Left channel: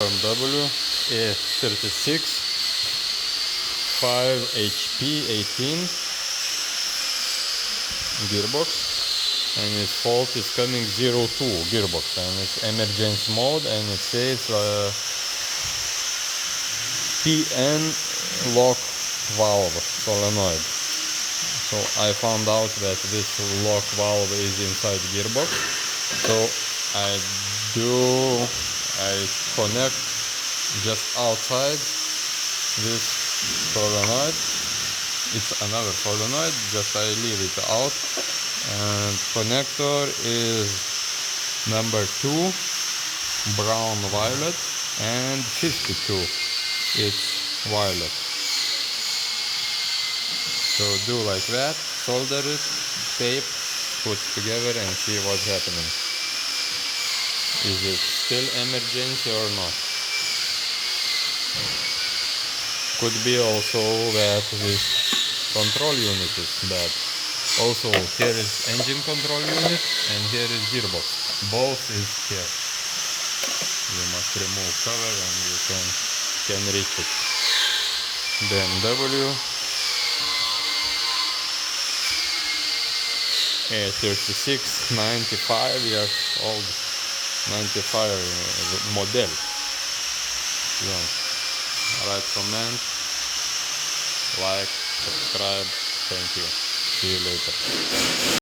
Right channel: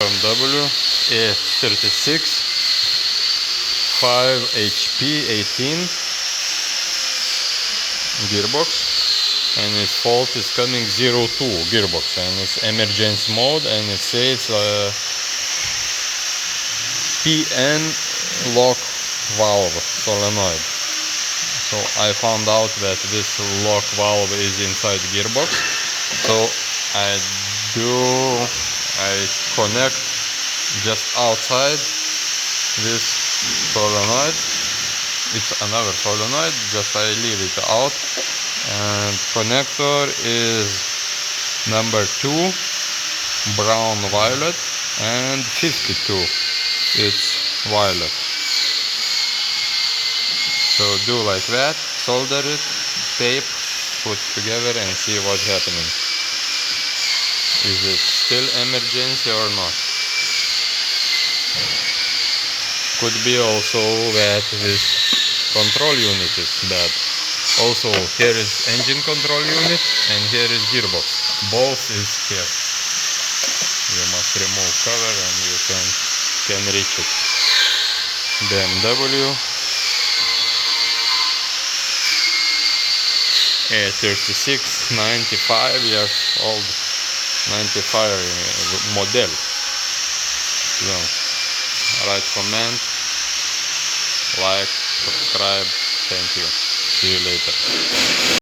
BMW E36 5 HP 18 gearbox, and its fault is coming 02 gearbox, and it's emergency mode, and it says PN lock valve solenoid. So I found out that this lock valve is inside gearbox, so I connect just outside this solenoid. It's another solenoid, just I leave it out, and connector is number 2 brown violet, and 52 it's violet. So do like that, solder it, tape, put together, and see what's happening. Is it still emergency or not? Could be also that this control unit is bad. Also, here is engine control unit, and here is gearbox. Both is here. You must remove cover and you can reach it. BMW E36 95 years old, 95 model. So, write comment, like, subscribe. Thank you. See you later.